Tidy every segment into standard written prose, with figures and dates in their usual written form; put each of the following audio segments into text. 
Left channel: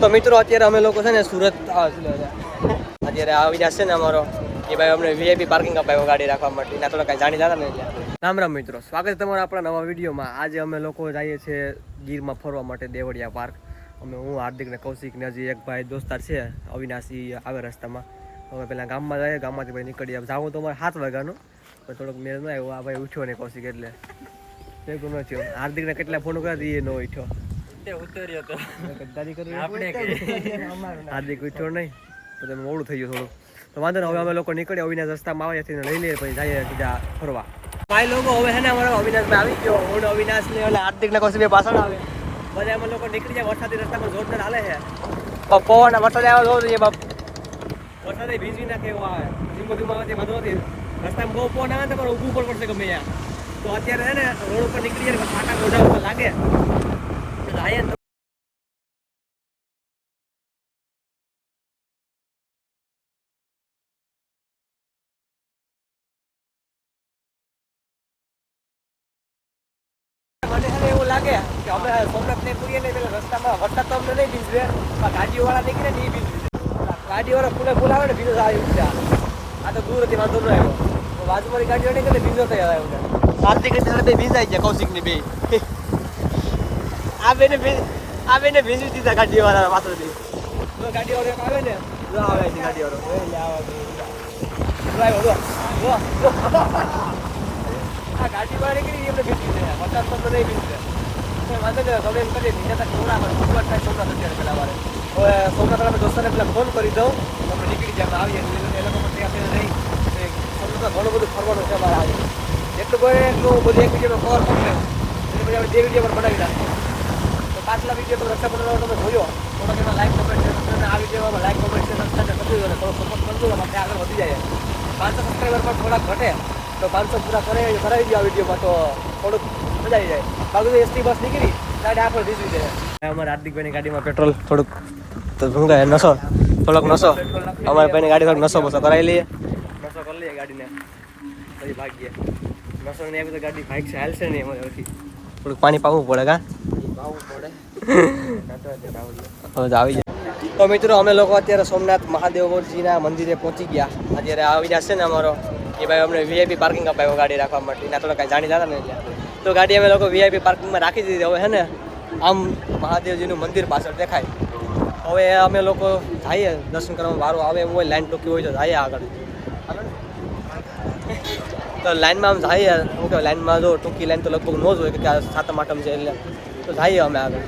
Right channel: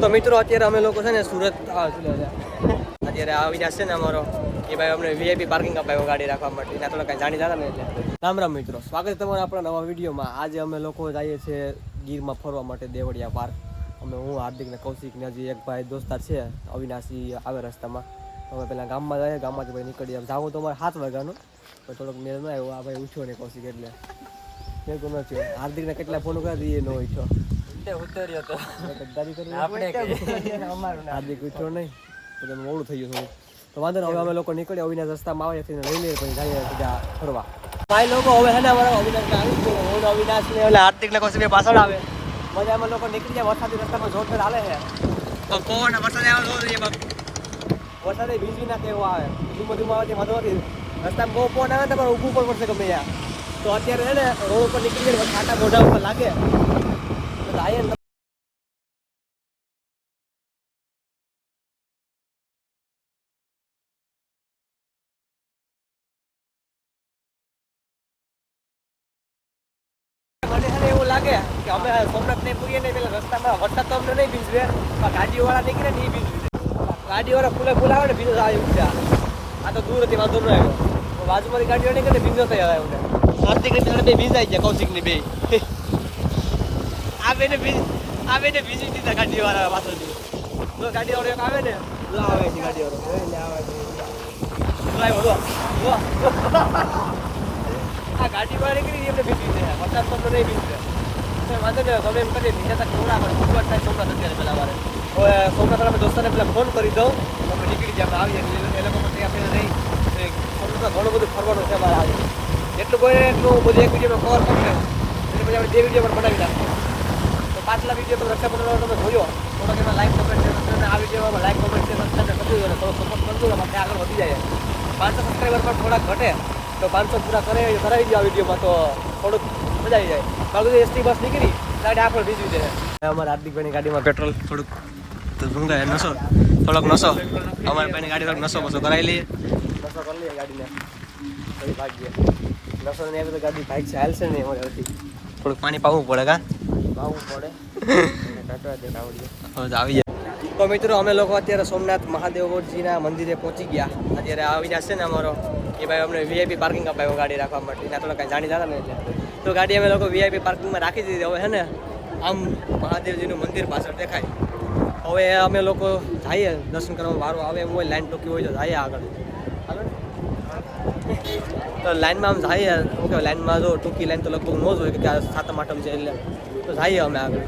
તો મિત્રો અત્યારે અમે લોકો છે ને સુરત અત્યારે આવી જશે ને અમારો કે ભાઈ અમને વીઆઈપી પાર્કિંગ અપાયો ગાડી રાખવા માટે એના થોડા કાંઈ જાણી જતા ને એટલે રામ રામ મિત્રો, સ્વાગત છે તમારા આપણા નવા વિડીયોમાં. આજે અમે લોકો જઈએ છીએ ગીરમાં ફરવા માટે દેવળિયા પાર્ક. હું હાર્દિક ને કૌશિક ને હજી એક ભાઈ દોસ્તાર છે અવિનાશી આવે રસ્તામાં. અમે પહેલાં ગામમાં જઈએ, ગામમાંથી ભાઈ નીકળીએ. જાઉં તો અમારે 7 વાગ્યાનું, પણ થોડોક મેળ ન આવ્યો. આ ભાઈ ઉઠ્યો નહીં કૌશિક, એટલે ભેગું ન થયો. હાર્દિકને કેટલા ફોન કર્યા હતી એ ન ઉઠ્યો. હાર્દિક ઉઠ્યો નહીં તો તમે મોડું થઈ ગયું થોડું. તો વાંધો ને, હવે અમે લોકો નીકળ્યા અવિનાશ રસ્તામાં આવે લઈ લઈએ, પછી જઈએ સીધા ફરવા. ભાઈ લોકો હવે છે ને અમારો અવિનાશભાઈ આવી ગયો. હું અવિનાશ ને એટલે હાર્દિક ને કૌશિક પાછળ આવે. બધા અમે લોકો નીકળી જાય. વરસાદી રસ્તામાં જોરદાર હાલે છે. પવન વરસાદ આવ્યો જોર છે બાપ. વરસાદે ભીજી નાખે એવો આવે. ધીમો ધીમો આવે વાંધો નથી. રસ્તામાં બહુ પવન આવે તો પણ ઊભું પણ પડશે ગમે ત્યાં. તો અત્યારે છે ને રોડ ઉપર નીકળી જાય, ફાટા મોઢા ઉપર લાગે તો જાય ને. મને છે એવું લાગે કે અમે સોમનાથ નહીં પૂરીએ નહીં, પેલા રસ્તામાં વરસાદ તો અમને નહીં ભીજવે, પણ ગાડીઓવાળા નીકળે ને એ ભીજવે. ગાડીવાળા ફૂલ આવે ને ભીજ આવી ઉઠ્યા. આ તો દૂર હતી, વાંધો ન આવ્યો. બાજુમાંથી ગાડીઓ નીકળે ભીજો થઈ આવે ઉઠે. હાર્દિક બે ભીજાઈ ગયા, કૌશિક ની બે. આ બેને ભીંજી દીધા ગાડીવાળા પાછળથી. ગાડીવાળો એક આવે ને આવે ગાડીવાળો આ ગાડી બહાર નીકળી એમને ભીજવી દે. વરસાદ તો નહીં ભીજવે. વાંધો ને, તમે એમ કરીએ ભીજાતા થોડા ગુજવાટ થાય સોમનાથ અત્યારે પેલા મારે. હવે સોમનાથ અમે દોસ્તાને પેલા ફોન કરી દઉં, અમે નીકળી જાય આવીએ. એ લોકો પણ ત્યાં નહીં. સોમનાથમાં ઘણું બધું ફરવાનું છે અમારે આજે. જેટલું બને એટલું બધું એક વિડીયોમાં કવર કરી દઉં, એટલે પછી આપણે 2 વિડીયો પણ બનાવી નાખીએ. તો પાછલા વિડીયો તો રક્ષાબંધન તમે જોયો, થોડોક એમાં લાઈક કમેન્ટ છે. તમે આ વિડીયોમાં લાઈક કમેન્ટ છે સબસ્ક્રાઈબ કરી દો ને થોડો સપોર્ટ કરજો ને, આપણે આગળ વધી જાય. 500 સબસ્ક્રાઈબર પણ થોડાક ઘટે તો 500 પૂરા કરાવી દો આ વિડીયોમાં, તો થોડુંક મજા આવી જાય. બાકી એસટી બસ નીકળી ગાડી આ પણ ભીજવી જાય. અમારા હાર્દિકભાઈની ગાડીમાં પેટ્રોલ થોડુંક તો શું કહે નશો, થોડોક નશો. અમારા ભાઈની ગાડી થોડોક નશો બસો કરાવી લઈએ, નશો કરી લઈએ ગાડીને, પછી ભાગીએ. નશો ને એવી તો ગાડી ભાગ છે, હાલશે નહીં અમારાથી. થોડુંક પાણી પાવું પડે, પાવું પડે. હવે તો આવી જાય. તો મિત્રો અમે લોકો અત્યારે સોમનાથ મહાદેવજીના મંદિરે પહોંચી ગયા. અત્યારે આવી જશે ને અમારો કે ભાઈ અમને વીઆઈપી પાર્કિંગ અપાયો ગાડી રાખવા માટે. એના થોડા કાંઈ જાણી જતા ને એટલે તો ગાડી અમે લોકો વીઆઈપી પાર્કિંગમાં રાખી દીધી. હવે છે ને આમ મહાદેવજીનું મંદિર પાછળ દેખાય. હવે અમે લોકો જઈએ દર્શન કરવા. વારો આવે એમ હોય, લાઈન ટૂંકી હોય તો જઈએ આગળ. તો લાઈનમાં આમ જઈએ. શું કહેવાય, લાઈનમાં જો ટૂંકી લાઈન તો લગભગ ન જ હોય કે 7મ 8મ છે એટલે. તો જઈએ અમે આગળ.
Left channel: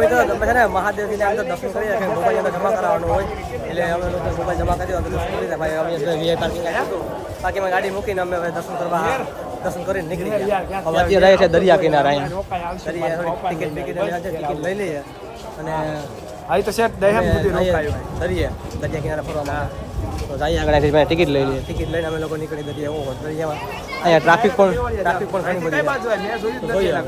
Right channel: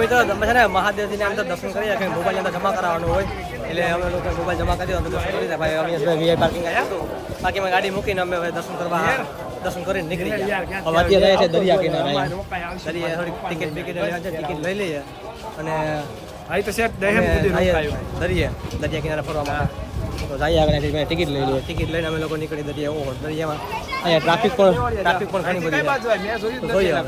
મિત્રો તમે છે ને મહાદેવજીને અંદર દર્શન કરીએ કે મોબાઈલ અંદર જમા કરાવવાનું હોય, એટલે અમે લોકો મોબાઈલ જમા કરી દર્શન કરી દે. ભાઈ અમે વીઆઈ પાર્કિંગ આવ્યા હતું, બાકીમાં ગાડી મૂકીને અમે દર્શન કરીને નીકળી ગયા. હવે અત્યારે જાય છે દરિયા કિનારે. અહીંયા દરિયા થોડી ટિકિટ ટિકિટ લઈ લઈએ અને દરિયા કિનારે ફરવા માટે. તો જઈએ આગળ ટિકિટ લઈ લઈએ. ટિકિટ લઈને અમે લોકો નીકળી દરિયામાં. અહીંયા ટ્રાફિક પણ ઘણી બધી જોઈએ.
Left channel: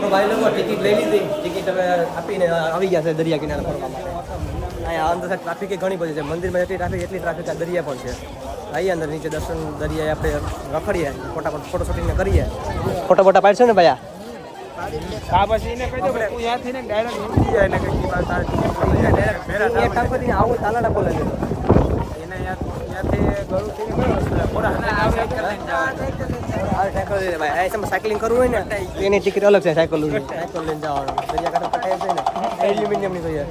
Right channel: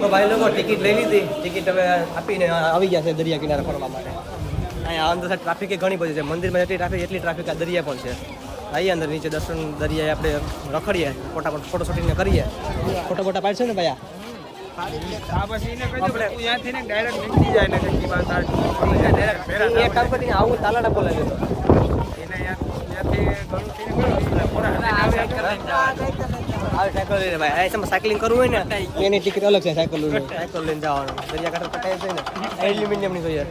તો ભાઈ લોકો ટિકિટ લઈ લીધી. ટિકિટ અમે આપીને આવી ગયા છે દરિયા કિનારે ફરવા માટે. અહીંયા અંદર ટ્રાફિક ઘણી બધી છે. મંદિરમાં જેટલી ટ્રાફિક આ દરિયા પણ છે. આવીએ અંદર નીચે દર્શન દરિયાએ આપણે રખડીએ, ફોટો શૂટિંગ કરીએ. ફોટો પાડશો ને ભાઈ? આવું તાલાડા બોલાવી દીધો. સાયકલિંગ કરવું હોય ને એની ટિકિટ અલગ છે. સાયકલ લઈને જવાનું દરિયાકાંઠે પટાય છે ને એલ્યુમિનિયમની જોઈએ.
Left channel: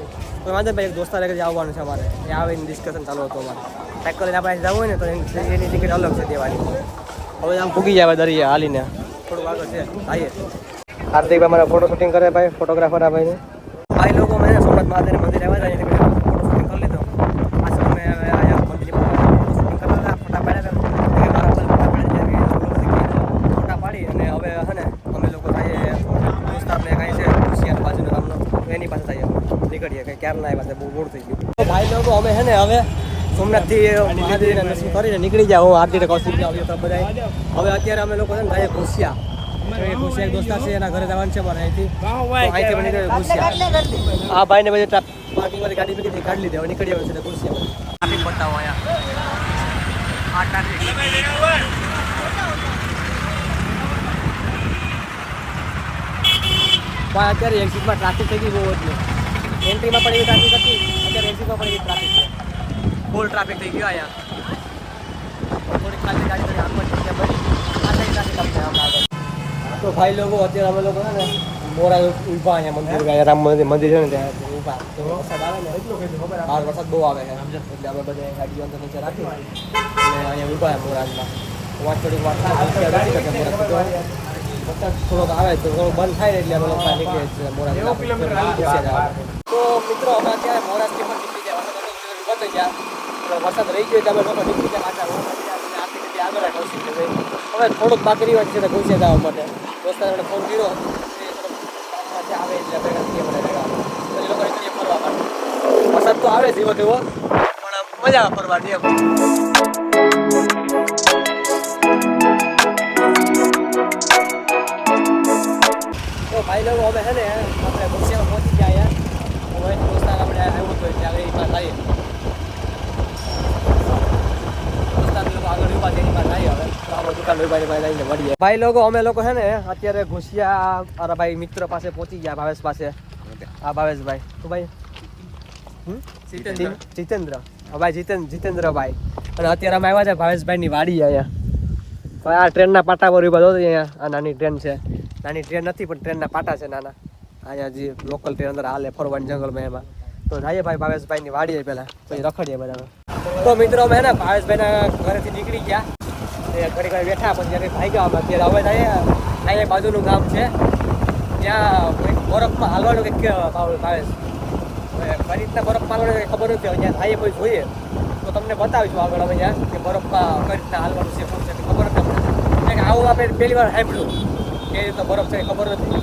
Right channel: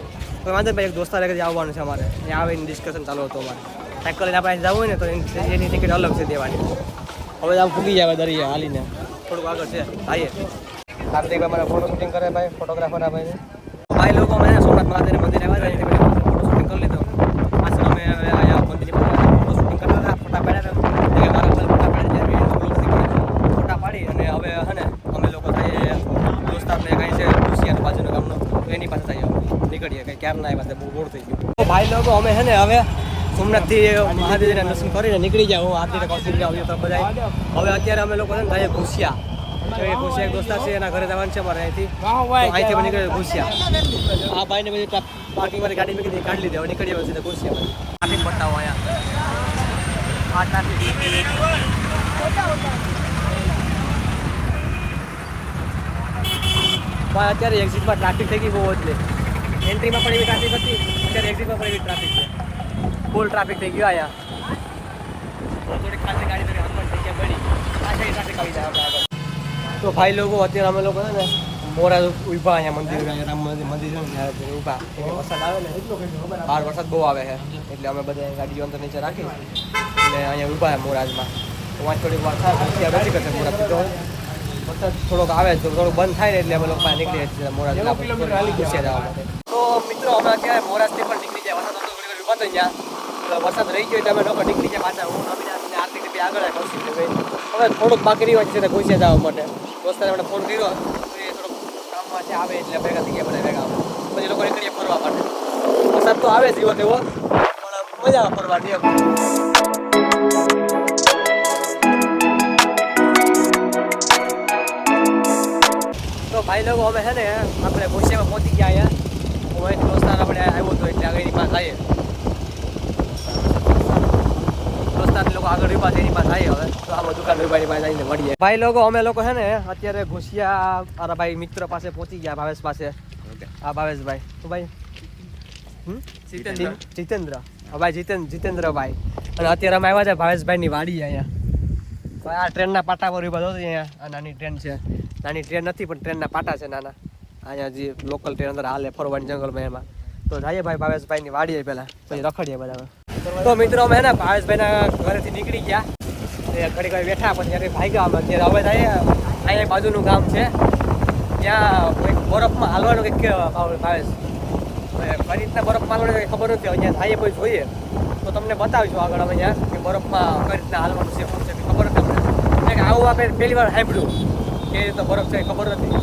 કોઈ વાંધો ભાઈ, એક દોસ્તાર આવવાનું છે અમારે. એ આવે એની ડિસ્કશન ચાલુ હતું અમારે. સાયકલ લઈને આપણે જવું હોય ને તો એની ટિકિટ અલગ છે દેવાની. હવે આમ પૂગી જાય દરિયા હાલીને, થોડુંક આગળ છે. આવીએ હાર્દિકભાઈ મારા ફોટો શૂટિંગ કરે ભાઈ, ફોટોગ્રાફર આ ભાઈને. ભાઈ લોકો મેં સોમનાથ મહાદેવના મંદિરે આવ્યા હતા, ફોટો શૂટિંગ કરી લીધો. પાછળ અમે અહીંયા મંદિરની ફોટો શૂટિંગ કરતા હતા, ફોટા પાડ્યા હતા. મારા ફોટા પાડી ફોટા પાડી અને હવે હે ને અમે લોકો જઈએ દોસ્તારને કાંઈ છે ખુશિયાત બાજુના ગામનો, એની પાસે જઈએ નીકળીએ. કંઈ ક્યારના એ પાસે બહુ મોડું થઈ ગયું. તો ભાઈ લોકો અમે છે ને હવે સોમનાથથી મહાદેવના દર્શન કરીને નીકળી જાય. હું હાર્દિક કૌશિક આવ્યો બધા. હવે અત્યારે અમે લોકો છે ને જઈએ ખુશિયા. ખુશિયા દોસ્તાર છે, એના ઘરે જવાનું છે મારે અહીંથી. અહીંથી નીકળે ખુશિયા. આ ભાઈને બધી પાર્કિંગમાં ગાડી મૂકી કાઢી લીધી. હવે નીકળી આવે છે ખુશિયામાં. ટ્રાફિક બતાવો અહીંયા. આ ટ્રાફિક પણ અત્યારે એક્ઝિટમાં ટ્રાફિક થઈ ગઈ બહુ એટલે એન્ટ્રીમાં પણ એવી ટ્રાફિક હતી, અત્યારે એક્ઝિટમાં પણ એવી ટ્રાફિક છે. ફૂલ ટ્રાફિક થઈ ગયો અહીંયા. થોડીક ખાલી ગાડી કરી આમ પણ જગ્યા બની પાછળ ટ્રાફિક આવી જાય આપણા આગળ. તો ભાઈ લોકો અત્યારે અમે લોકો છે ને મોરા ઉભા અહીંયા મંદિર, અહીંયા રામ મંદિર છે ને ત્યાં ઉભા. વરસાદ આવે ને બહાર વરસાદ બહુ આવે છે એટલે અમે બધા ગાડીઓ અંદર નીચે રાખી અને અહીંયા ઉભા મોરાજમાં. વાંચ થોડીક વાર થાય નથી કરતા મોરા તો વરસાદ થોડોક આવે તો થોડું બંધ થાય ને એટલે અમે લોકો નીકળીએ છીએ મોરાજ. તો મિત્રો હમણાં ત્યાં મોરાજથી પણ નીકળી જાય. વરસાદ હતો થોડી વાર ઉભા થઈ ગયા, વરસાદ રહી ગયો એટલે અમે લોકો નીકળી જાય પાછા આગળ રાખી. હવે થોડુંક બાકી રહ્યું છે ઘૂસી જવા માટે. દોસ્તારે મને ફોન કર્યો, થોડુંક કામમાં છે આવે એટલે ભેગા થઈ ગયા બધા ભેગા. પછી લોકો નીકળીએ ફરવા માટે. વરસાદ તો આવે જીવો તેવો પણ મજા આવે ફરવાની એમ. તો ભાઈ લોકો અમે છે ને આપણે ઘોસિયામાં પહોંચી ગયા અહીંયા. હવે દોસ્તાર આપણે આવ્યો હતો એટલે આગળ એની પાસે આવીએ. દોસ્તાર લોકો આગળ રીપા એની પાસે આવીએ. હવે તો આપણે દુકાન રૂપાની પાસે આવીને મળીએ. ભાઈ લોકો અમે લોકો છે ને અત્યારે ઘોસિયા મારા ભાઈ મિત્ર પાસે પહોંચી ગયા, ભાવેશ પાસે. હા ભાવેશભાઈ. તો ભાઈ જીતેન્દ્ર, ભાઈ જીતેન્દ્રભાઈ. અને અત્યારે અમે આવ્યા છે ભાવેશભાઈની વાડી અહીંયા. હવે આ ટ્રેનના પાટા પર ઉભા હતો અહીંયા. આ નાની ટ્રેન છે, નાની ટ્રેન નથી પણ ટ્રેનના પાટા છે નાના. અહીંયા જે લોકલ ટ્રેન અંદર હાલે ફરવાની જંગલમાં એમાં. તો જઈએ ભાઈ ભાવેશભાઈની વાડીએ પહેલાં, પછી રખડીએ બધા. તો મિત્રો અમે ને ભાવેશભાઈના ઘરેથી નીકળી ગયા, ઘડી ઘડી બેઠા પછી જ્યારે ભાઈ ગયા. અત્યારે હવે અહીંયા બાજુનું ગામ છે ત્યાં એક બરફમાં હાલવાનું કંઈક ભાવેશ કઈ રીતના બરફમાં હાલવાનું કંઈ ખબર નથી. અહીંયા ભાઈએ કોઈ જોઈએ તો તમને બતાવીશું આગળ અમે ત્યાં કે બરફમાં કઈ રીતના હાલવાનું છે શું છે ખબર નથી અમને. આવું આપણે પહેલી વાર સાંભળ્યું કે રીતનો બરફ છે ખબર નથી.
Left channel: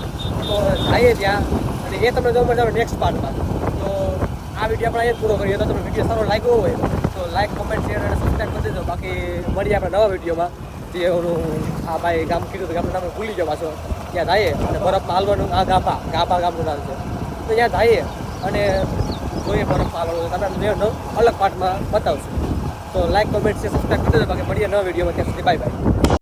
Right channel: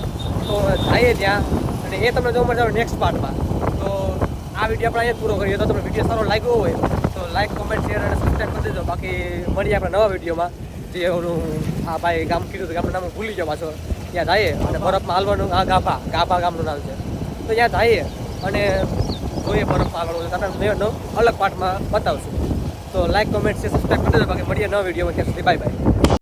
તો જઈએ ત્યાં અને એ તમને જોવા મળે નેક્સ્ટ પાર્ટમાં. તો આ વિડીયો આપણે અહીંયા પૂરો કરીએ. તો તમને વિડીયો સારો લાગ્યો હોય તો લાઈક, કમેન્ટ, શેર અને સબસ્ક્રાઈબ કરી દેજો. બાકી મળીએ આપણે નવા વિડીયોમાં. જે ઓલું આ ભાઈ ગામ કીધું ગામનું નામ ભૂલી જાઓ પાછો. ત્યાં જઈએ અને બરફમાં હાલવાનું. આ ગાભા ગામનું નામ છે. તો ત્યાં જઈએ અને જોઈએ બરફમાં હાલવાનું. તમને અલગ પાર્ટમાં બતાવશું. તો લાઈક, કમેન્ટ, શેર, સબસ્ક્રાઈબ કરી દેજો. બાકી મળીએ નવા વિડીયોમાં. ત્યાં સુધી બાય બાય.